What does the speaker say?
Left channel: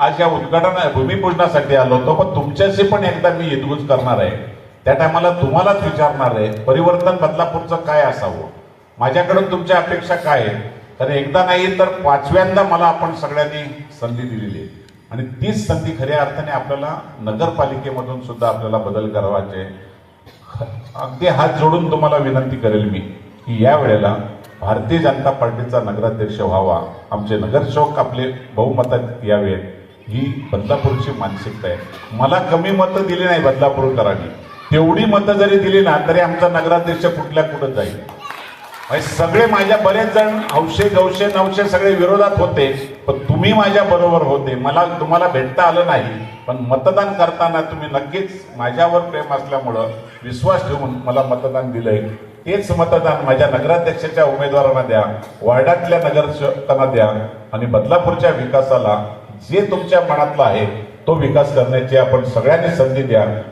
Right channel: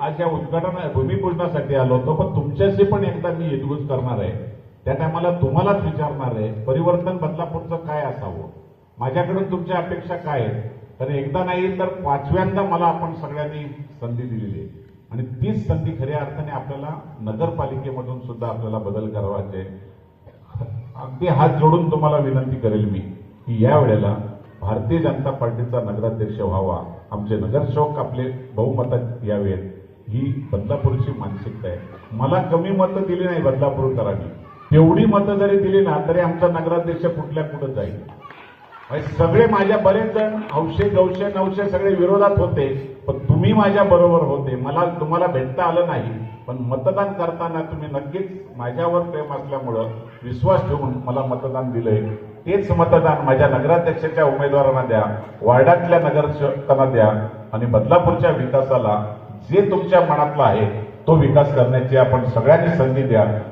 आज या उद्घाटन भूमिपूजनासाठी आलो होतो पण तुमच्याशी पण एकदा मी हितगुज करणार आहे. त्या टायमाला तुम्हालाच विचारणार आहे परिवर्तन बदलापूरचं काय असावं? माझ्याकडून तुमच्या अपेक्षा काय आहेत? तर एकदा नाही तर पाचव्यांदा मला आपण सगळ्यांनी संधी दिलेली आहे. आणि तीच संधी खऱ्या अर्थाने आपल्याला नगरपालिकेमधून सुद्धा आपल्याला बदल करावायचे अगदी हात जोडून तुम्हाला विनंती करेल मी की या वेळेला भारतीय जनता पार्टीचा नगराध्यक्ष व्हावा. आमचे नगरसेवक आपले बहुमतात यावेत. ही बदलापूरची मानसिकता आहे. मला कमी मतं दिली नाही बदलापूरकरांनी तेवढी मतं जरी दिली ना तरी आमचा नगराध्यक्ष कुठल्या कुठं जाईल? म्हणजे सगळे माझ्या बरेच जण हौशे गवशे नवशे सगळे विरोधात होते पण तुम्ही माझ्या बरोबर होते. मला तुम्हाला भेटता आलं नाही पण मतदान करताना तुम्ही नक्कीच माझ्यावर प्रेम असल्यामुळं विश्वास ठेवून मला मतदान दिलंय. तेच मतदान माझ्या नगराध्यक्षाच्या उमेदवारांना द्या वार्डातल्या नगरसेवकांना द्या आणि बदलापूरच्या विकासाला जे तुमच्या मनातला आहे तो विकास करण्याची आपण सगळ्यांनी संधी द्या.